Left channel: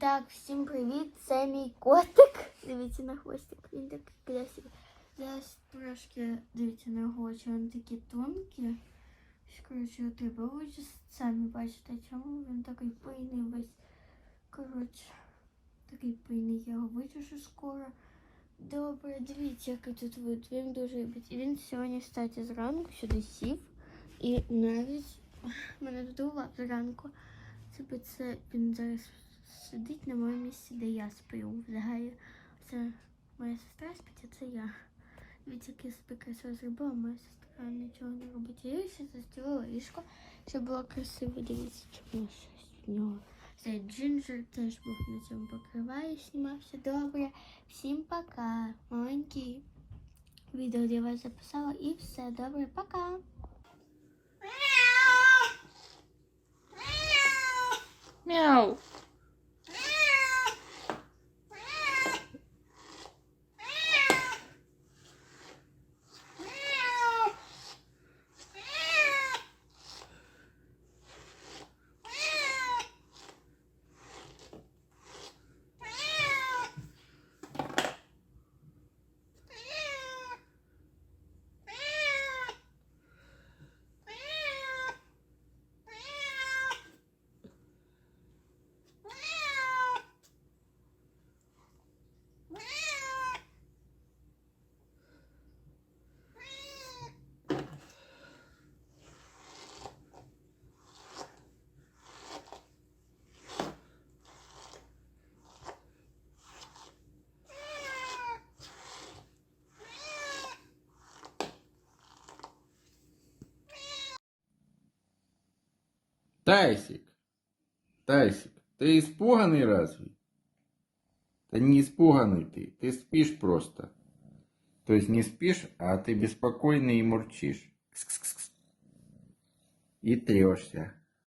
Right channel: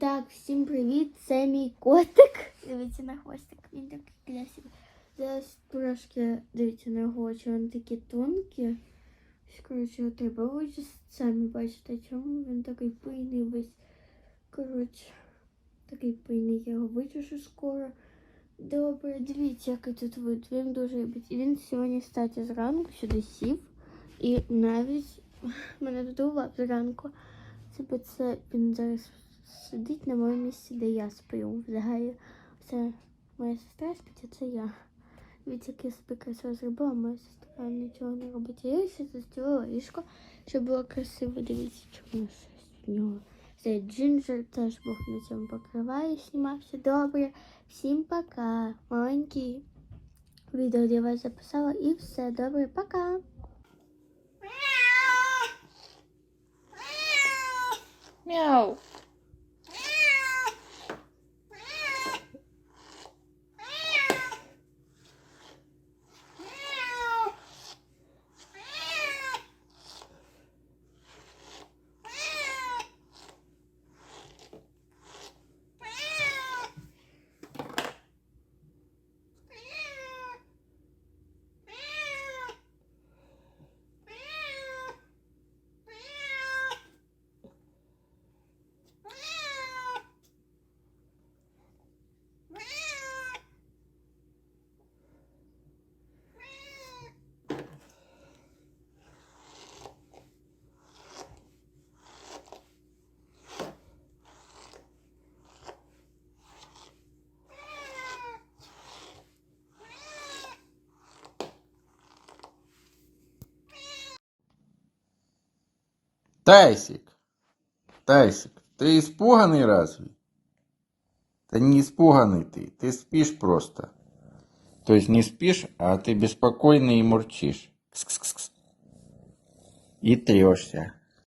Так, всім привіт! Це мій котик. Дивіться на хвостик. Він такий красивий. Зараз трошки дивіться на його очі, він такі тонкі. Ось, Коротше, треба очі самі бачите, чому він такий пийний весь. Коротше, такий пийний, я його вичушу скоро. Добре, дивіться, який тут вид. Він дуже любить. Він сьогодні, кстати, зранку сюди сів. І навіть мене додував зранку. Бо це він зараз сидить на моєму місці, де я сплю. Взагалі, це моя сестра спить, а це я. Від як я собі красиво зробила, моя сестра нічого не робить. Я ще застілила ліжко, щоб було красиво. Дивіться, чому щось нього. Це Джинджер теж був на цьому покриває, знімався. Добре. Всім пока. Маленький відео для вас записала і все. Добре, пока. Мяу. Тайсик, Тайсик, ты испуганный разве? Да не испуганный ты, ты спишь просто. То есть не спишь, а ты беспокойный и мурчишь. Кс-кс-кс. И трешься.